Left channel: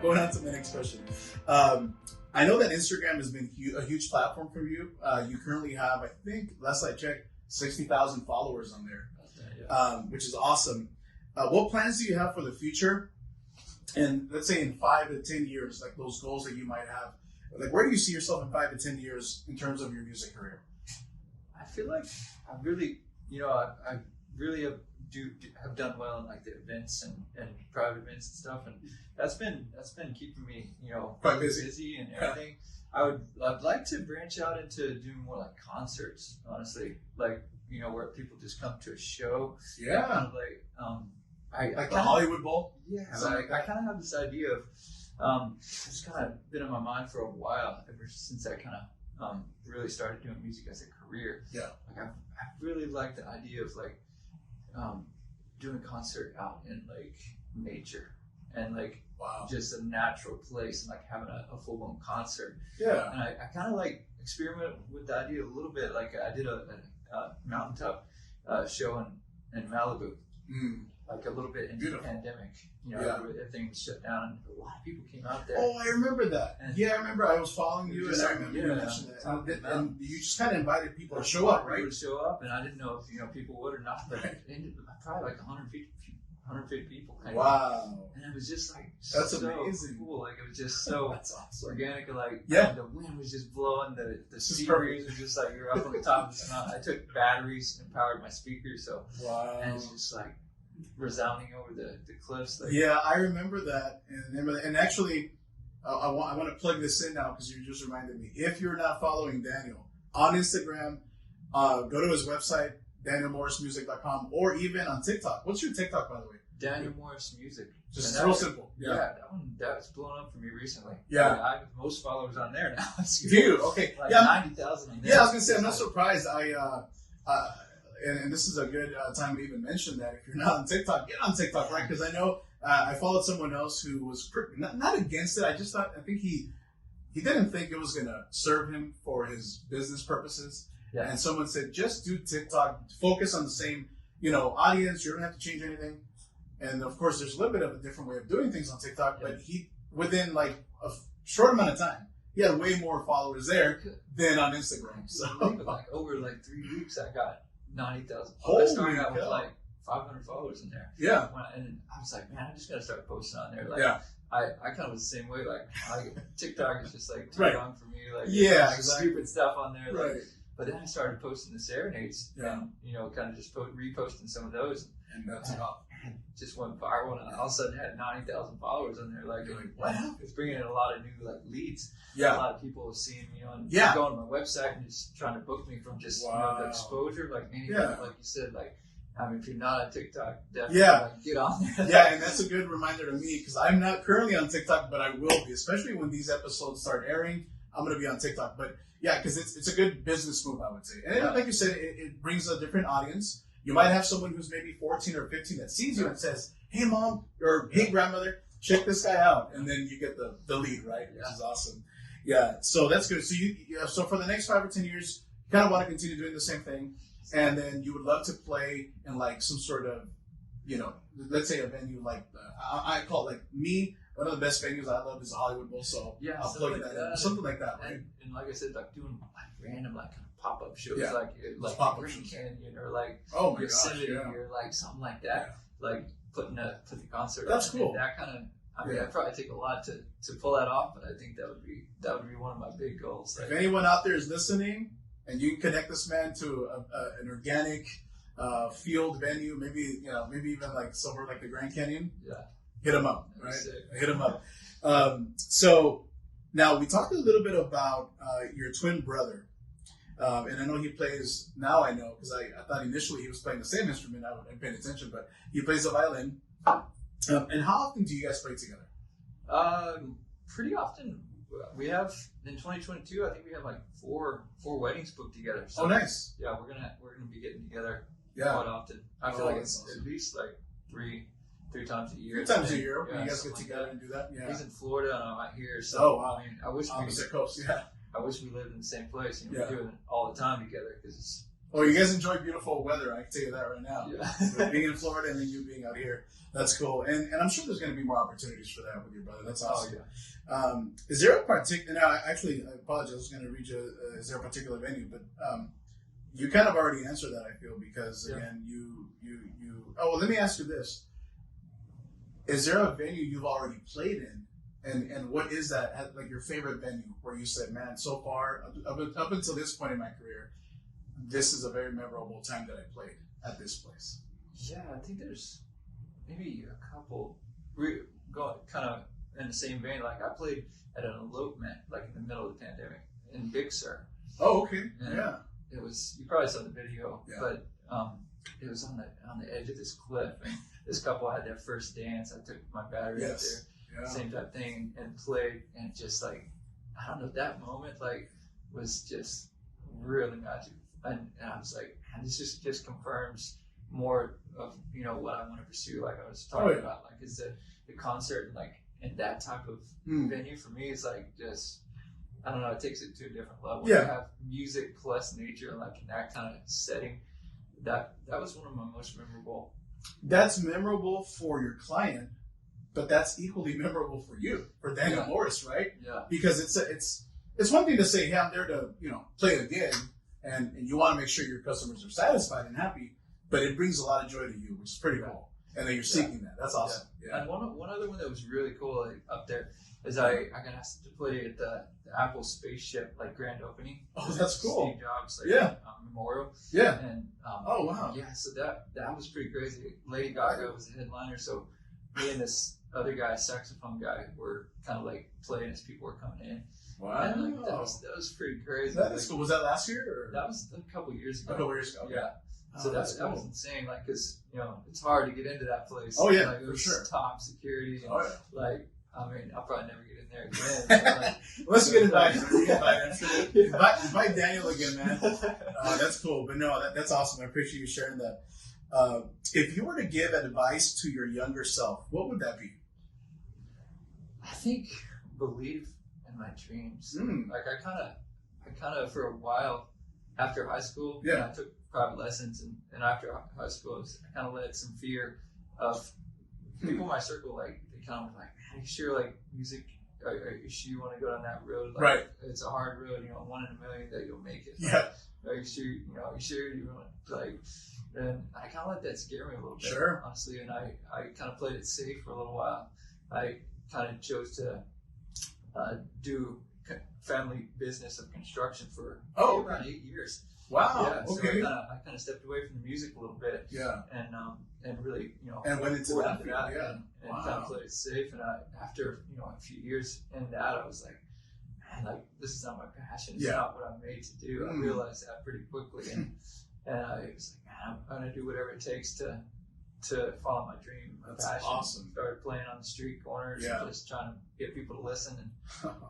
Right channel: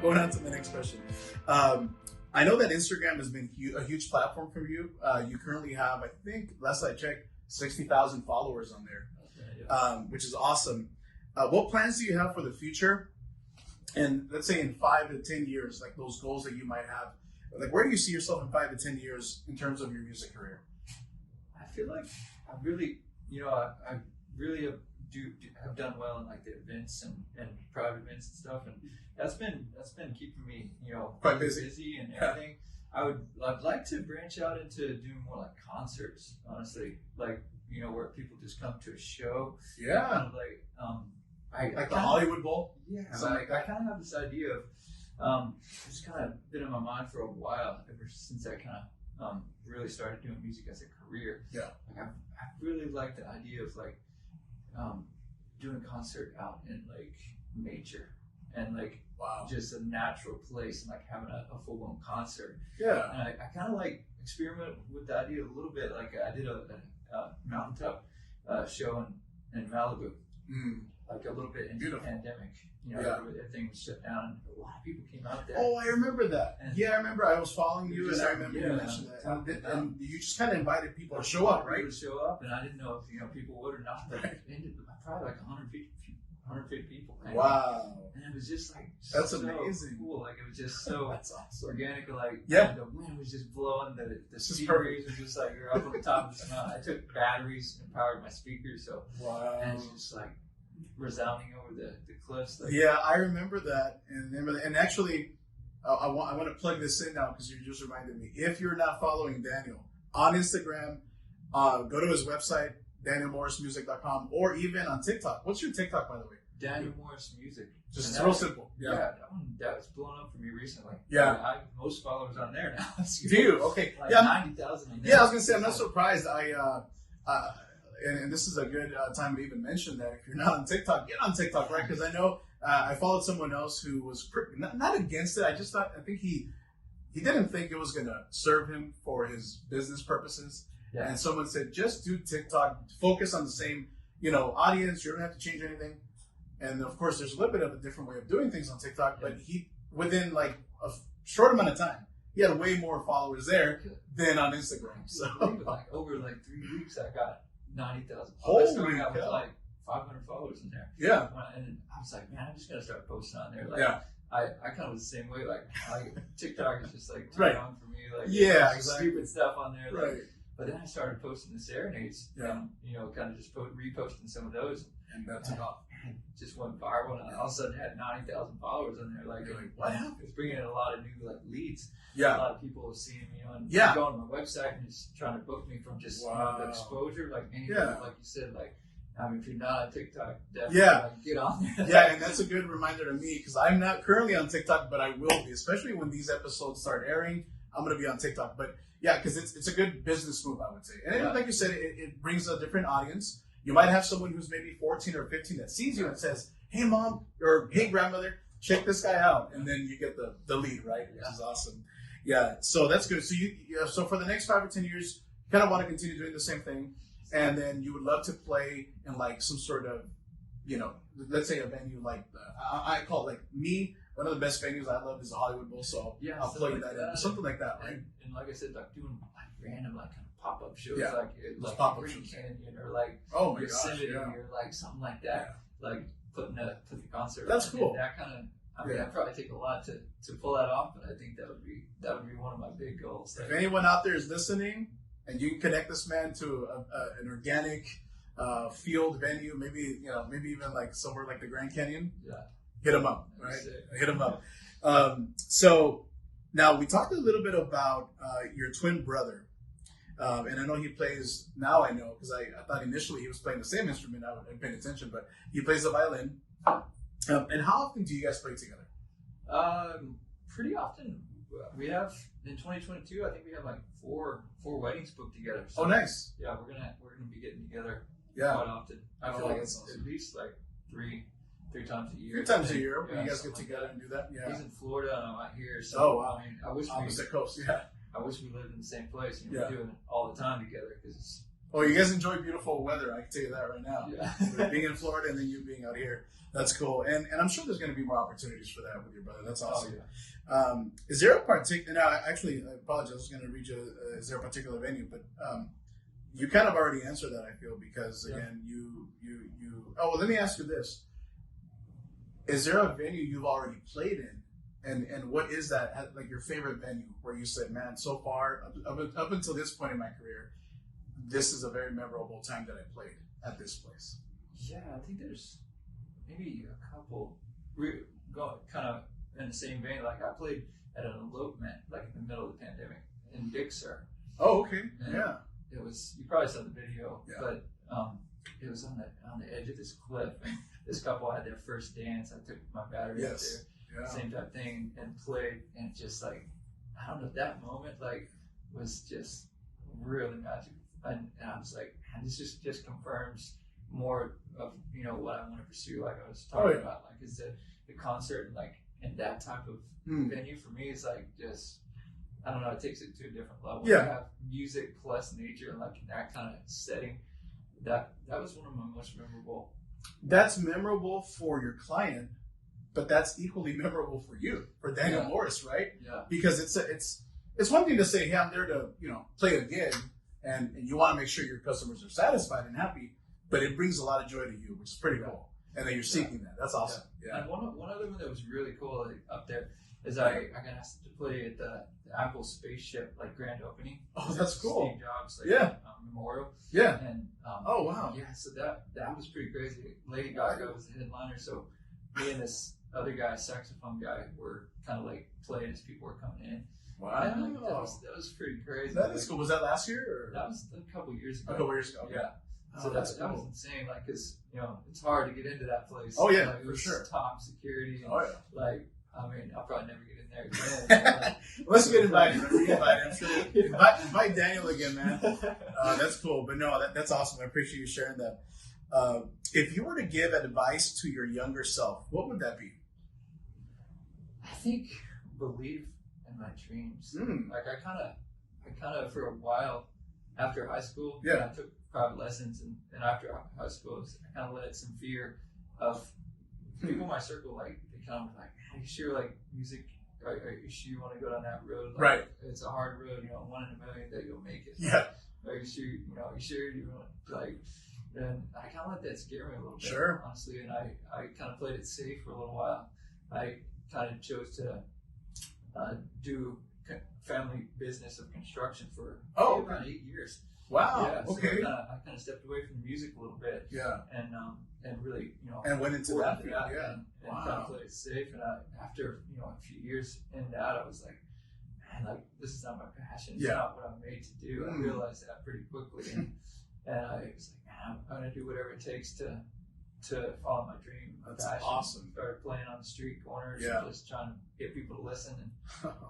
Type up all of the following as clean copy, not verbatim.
going on to the next question. I know that Instagram has been a huge platform for you. You currently have, I think, last I checked, 60,000 followers on there, which is awesome. What plans do you have for the future? And let's say in 5 to 10 years, like those goals that you might have, like where do you see yourself in 5 to 10 years in terms of your music career? I feel like I really, I really have done well in like the events and private events and stuff, and that's been keeping me, quite busy and everything. I'd like to branch out into doing more like concerts, honestly, like where people just come to a show. Yeah. Kind of like the Hollywood Bowl. Yeah. I kind of have this idea of it's kind of been in my mind for a while, ever since I kind of really started doing music as a career. Yeah. Like I really like the idea of like doing a concert out in like nature and like just a natural place and like having a full blown concert. Yeah. And I kind of like experiment with the idea a little bit. Like I did a mountaintop show in Malibu. Like a little bit in the pandemic, everything was shut down and a lot of people came out there. Oh, I remember that. And I remember I was following you and I remember you mentioned that. And you just kind of invited people to show up, right? People to show up, and I didn't know if people would or not. But it ended probably like 150 people. Wow. And it was just like that's so amazing. Cool. Like it was just so that's awesome. Organic. And like the wind was just blowing. The speakers were just like you're up on the top of this mountain. I took batteries and powered my speakers, so and it's just like resounding over the cliffs. Like, I remember that, and actually, I want to plug this in now because you just reminded me. If you're not following Daniel on Instagram, go to his website, DanielMorrisMusic.com, or even on TikTok. What's your TikTok, by the way? Daniel Morris Music. Just real simple. That was blown up for me recently. Yeah, I have most followers on there now. Do you? Okay. Like 90,000. Yeah, I was gonna say I'm not surprised. And this is a good time to even mention that if you're not on TikTok, get on TikTok, right? Because I know I followed someone else who was not against it. I think he didn't think it was going to serve him for his business purposes. Yeah. And someone said, just do TikTok, focus on the same, audience. You don't have to change anything. And of course, there's a little bit of a different way of doing things on TikTok, but within like a short amount of time, he had way more followers there than on Instagram. So over like 3 weeks, I got 90,000. Holy I started out with cow. like 500 followers in there. Yeah. And I was like, man, I just gotta start posting on there. Like, yeah. I kind of was the same way. Like, TikTok is just like too right. long for me. Like, exactly. Stupid stuff on there. Right. Like, but then I started posting the serenades. Yeah. And, kind of just reposting some of those. And that took off. Just went viral, and I all of a sudden had 90,000 followers on there. Like, wow, it's bringing in a lot of new like leads. Yeah, a lot of people have seen me and going to my website and just trying to book me from just the exposure. Like anything, like you said, like if you're not on TikTok, definitely get on there. Yeah, and that's a good reminder to me because I'm not currently on TikTok, but I will be, especially when these episodes start airing. I'm going to be on TikTok, but because it's a good business move, I would say. And like you said, it brings a different audience. You might have someone who's maybe 14 or 15 that sees you and says, "Hey, mom," or "Hey, grandmother, check this guy out," and then you get the lead, right? Which is awesome. Yeah, so that's good. So so for the next 5 or 10 years, you kind of want to continue doing the same thing, and then you would love to play in like some sort of, let's say a venue like I call it like me. One of the best venues I love is the Hollywood Bowl, so I'll plug that in. Something like that, right? And like I said, like doing like random like pop-up shows, like pop-up shows, Canyon or like Yosemite or like something like that, like putting the concert. That's cool. And that kind of. I'd probably take a lot to pull that off, but I think that would be one of my big goals. If anyone out there is listening, and you can connect this man to an organic field venue, maybe even like somewhere like the Grand Canyon, hit him up, right? Hit him up. So now we talked a little bit about your twin brother, and I know he plays. Now I know because I thought initially he was playing the same instrument. I wasn't paying attention, but he plays the violin. And how often do you guys play together? Pretty often. We have in 2022. I think we have like four weddings booked together. So, nice. Yeah, we're gonna be getting together quite often. I feel like it's at least like three times a year. 3 times a year. You guys get together and do that. Yeah. He's in Florida and I'm out here. So wow. I mean, I wish opposite coast. Yeah. I wish we lived in the same place and we do it all the time together because it's Oh, you guys enjoy beautiful weather. I can tell you that right now. Yeah. Being in Florida and then you being out here. That's cool. And I'm sure there's going to be more opportunities for that with your brother. That's awesome. Oh, yeah. Is there a particular, now actually, I apologize, I was going to read you, is there a particular venue? But you kind of already answered that, I feel, because again, oh, well, let me ask you this. Is there a venue you've already played in? And what is that, like your favorite venue where you said, man, so far, up until this point in my career, this is a very memorable time that I played at this place? Yeah, I think there's maybe a couple. We go kind of in the same vein. Like I played at an elopement, like in the middle of the pandemic in Big Sur. Oh, okay. And yeah. It was, you probably saw the video, yeah. but it was on the edge of this cliff, and this couple had their first dance. I took my battery out there, same type thing, and played, and just like, I don't know, that moment like was just really magical, and I was like, man, this just confirms more of what I want to pursue. Like I was talking about, like is the concert, and like in that type of venue for me is like just, I don't know, it takes it to a different level. Yeah. You have music plus nature, like in that kind of setting. That was one of my most memorable. That's memorable for your client, but that's equally memorable for you, for Daniel Morris, right? Yeah. Because it's one thing to say, hey, I'm there to play a gig, and you want to make sure your customers are satisfied and happy, but it brings a lot of joy to you, which is pretty cool. And then you're seeking that. That's awesome. Yeah. And one other one that was really cool up there is I got asked to play at the Apple spaceship grand opening. Oh, that's cool. Steve Jobs memorial. Yeah. And oh wow. Yeah, so that was pretty crazy. Lady Gaga was the headliner, so me and this other guy, saxophone guy, were kind of like playing as people were coming in. Wow. And, that was pretty crazy. That is cool. Was that last year? Or? That was a couple years ago. A couple years ago. Okay. Yeah. So that was insane, because it's hard to get into that place. Oh yeah, it for was sure. Top security. And, I mean, I'll probably never get in there again. Let's get invited. I'm sure. Invite Daniel again, man. That's cool. But no, that's awesome. I appreciate you sharing that. If you were to give advice to your younger self, what would that be? I think believe in my dreams. Like I kind of for a while after high school, I took private lessons, and after high school, I kind of let some fear of people in my circle, like they kind of like, are you sure music? Are you sure you want to go down that road? Right. It's a hard road. 1 in a million that you'll make it. Yeah. Are you sure? You sure you want And I kind of let that scare me a little bit. Sure. Honestly, and I kind of played it safe for a little while. I kind of chose to do family business of construction for around 8 years. Wow. Yeah, okay. So I kind of stepped away from the music a little bit. Yeah. And really, and went into that field. Yeah. And kind of played it safe. And after a few years in that, I was like, man, this is not my passion. It's not what I'm made to do. I realized that pretty quickly, and I was like, man, I'm gonna do whatever it takes to follow my dream. That's passion. awesome. Started playing on the street corners, and just trying to get people to listen,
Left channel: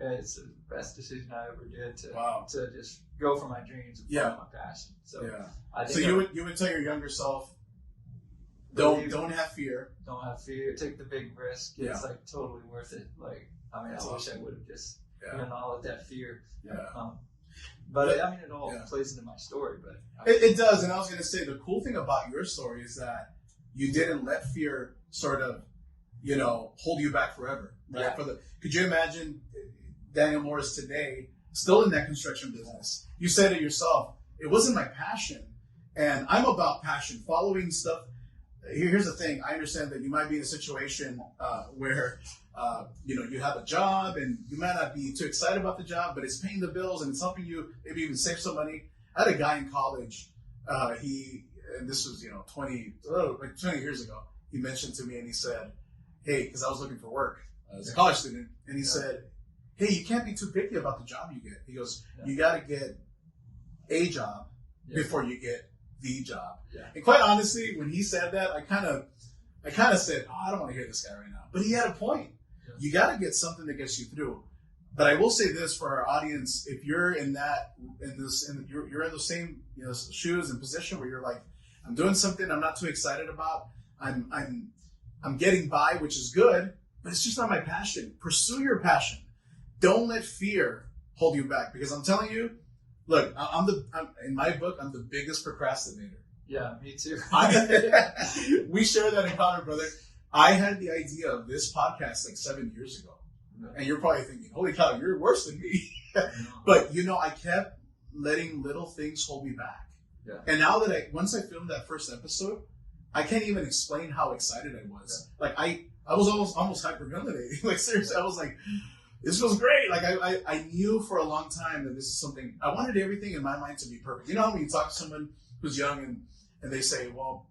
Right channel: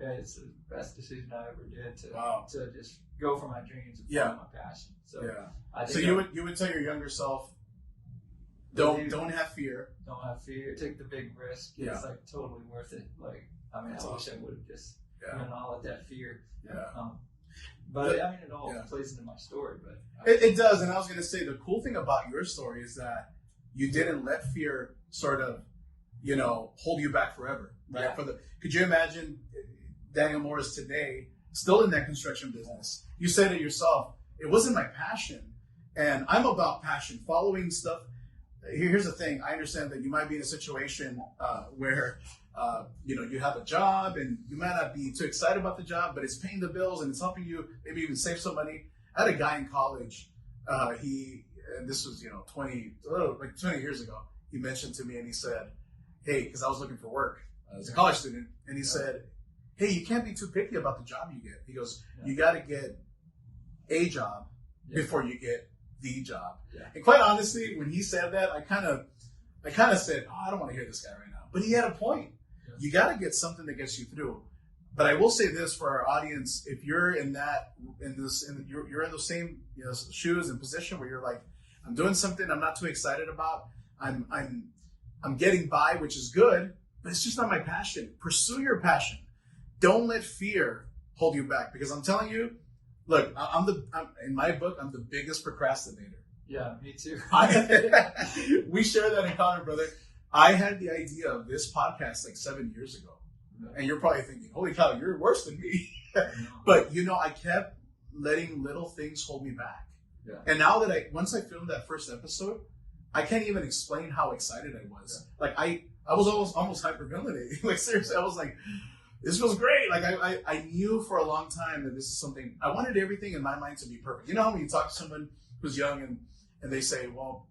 and it's the best decision I ever did to just go for my dreams and follow my passion. So I think you would tell your younger self, don't have fear. Don't have fear. Take the big risk. It's totally worth it. I wish I would have just not let that fear come. But I mean, it all plays into my story. But it does. And I was going to say, the cool thing about your story is that you didn't let fear sort of, hold you back forever. Right? Yeah. Could you imagine Daniel Morris today still in that construction business? You said it yourself. It wasn't my passion, and I'm about passion. Following stuff. Here's the thing. I understand that you might be in a situation where you have a job and you might not be too excited about the job, but it's paying the bills and it's helping you maybe even save some money. I had a guy in college. This was 20 years ago. He mentioned to me and he said, "Hey," because I was looking for work as a college student, and he said, "Hey, you can't be too picky about the job you get." He goes, "You got to get a job before you get the job." Yeah. And quite honestly, when he said that, I kind of said, "Oh, I don't want to hear this guy right now." But he had a point. Yeah. You got to get something that gets you through. But I will say this for our audience: if you're you're in those same shoes and position where you're like, I'm doing something I'm not too excited about. I'm getting by, which is good, but it's just not my passion. Pursue your passion. Don't let fear hold you back, because I'm telling you, Look, in my book, I'm the biggest procrastinator. Yeah, me too. We share that in common, brother. I had the idea of this podcast like 7 years ago. And you're probably thinking, holy cow, you're worse than me. But, I kept letting little things hold me back. Yeah. And now that once I filmed that first episode, I can't even explain how excited I was. Yeah. Like, I was almost hyperventilating. Like, seriously, I was like, this feels great. Like, I knew for a long time that this is something, I wanted everything in my mind to be perfect. You know how when you talk to someone who's young and they say, well,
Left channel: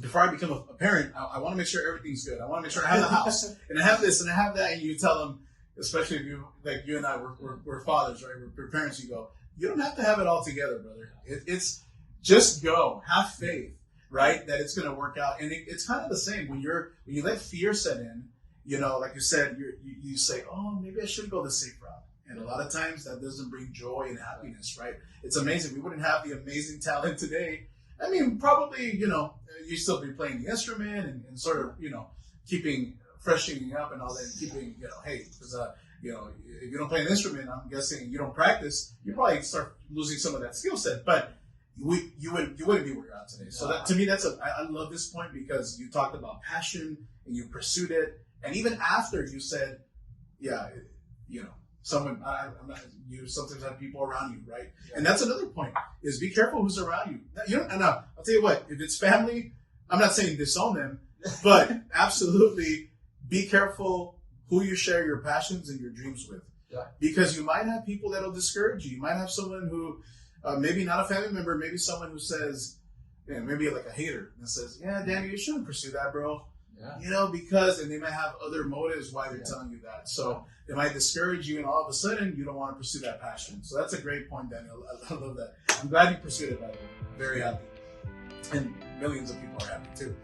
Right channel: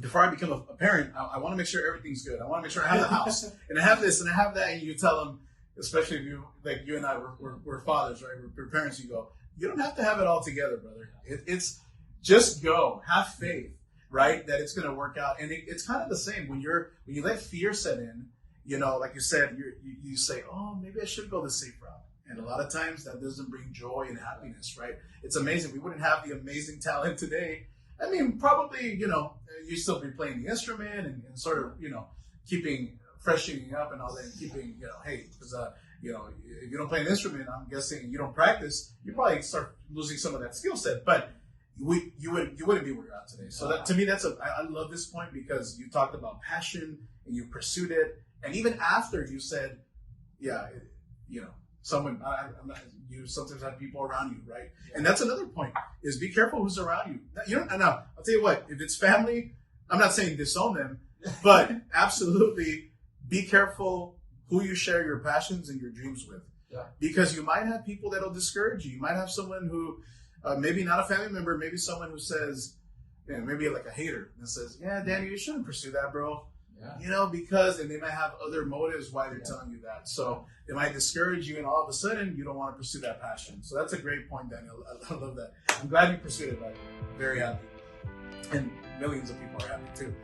before I become a parent, I want to make sure everything's good. I want to make sure I have the house and I have this and I have that. And you tell them, especially if you and I we're fathers, right? We're parents. You go, you don't have to have it all together, brother. It's just go, have faith, right? That it's going to work out. And it's kind of the same when you let fear set in. Like you said, you say, oh, maybe I should go the safe route. And a lot of times that doesn't bring joy and happiness, right? It's amazing. We wouldn't have the amazing talent today. I mean, probably, you still be playing the instrument and sort of, freshening up and all that, and keeping, hey, because, if you don't play an instrument, I'm guessing you don't practice, you probably start losing some of that skill set. But you wouldn't be where you're at today. So that, to me, I love this point because you talked about passion and you pursued it. And even after you said, someone, you sometimes have people around you, right? Yeah. And that's another point, is be careful who's around you. Now, I'll tell you what, if it's family, I'm not saying disown them, but absolutely be careful who you share your passions and your dreams with. Yeah. Because you might have people that'll discourage you. You might have someone who, maybe not a family member, maybe someone who says, maybe like a hater, that says, yeah, Danny, you shouldn't pursue that, bro. Yeah. Because, and they might have other motives why they're telling you that. So it might discourage you, and all of a sudden you don't want to pursue that passion. So that's a great point, Daniel. I love that. I'm glad you pursued it, by the way. Very happy. And millions of people are happy too.